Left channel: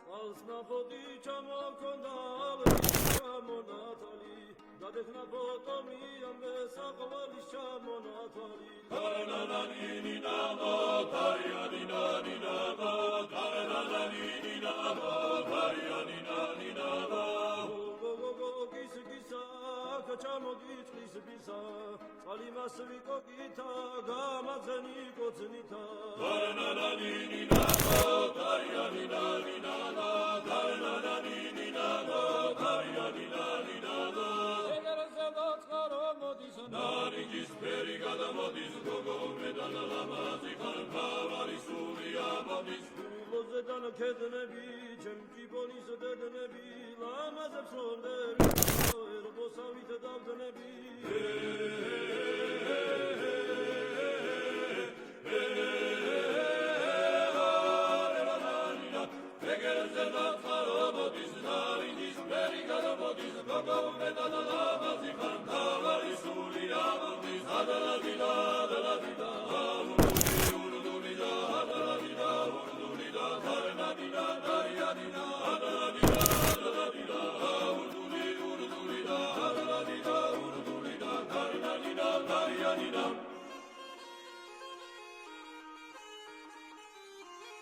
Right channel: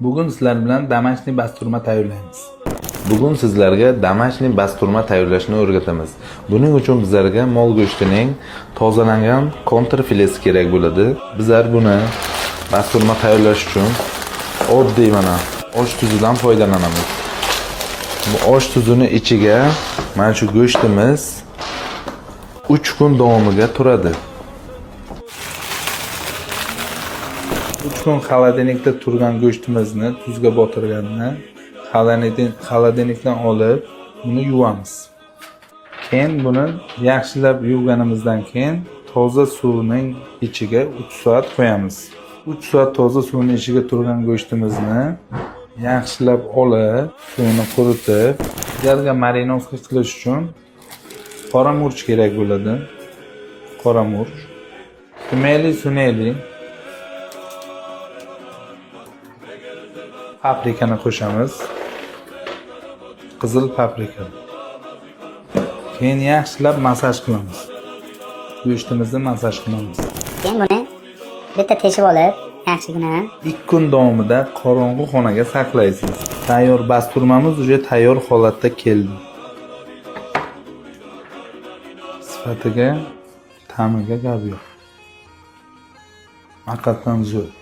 Bugun sizlar bilan domashniy basturma tayyorlaymiz. Bugun sizlarga domashniy basturma tayyorlashni o'rgatamiz. Buning uchun bizlarga mol go'shtining tozalangan kontrfilesi kerak bo'ladi. Bizlar buni basturma tayyorlash uchun oddiy mana osh tuzidan foydalanamiz. Bu osh tuzini ichiga mana shu go'shtimiz 3 kun davomiga turadi. 3 kun xolodilnikda turgan go'shtimizni tuzga botirgandan xolodilnikdan olib buni yuvamiz. Keyin buni yaxshilab yuvganimizdan keyin toza suvning ichiga 3 soat qo'yamiz. 3 soat toza suvning ichiga turgan go'shtimizni yaxshilab olib, suvini quritib, ularga marinovka qilish uchun qora murch kerak bo'ladi. Qora murch, tumeli, suneli, paprikani qo'shamiz. Qizil paprika. Keyin yaxshilab masaj qilamiz. Go'shtimizni masaj qilamiz. Keyin buni bitta teshib olib, yaxshigina 2 kun davomida qorong'u xonaga saqlaysiz. Tayyor basturmamiz уже tayyor holatda keldi. Sifatiga, ta'miga gap yo'q. Haqiqatan zo'r.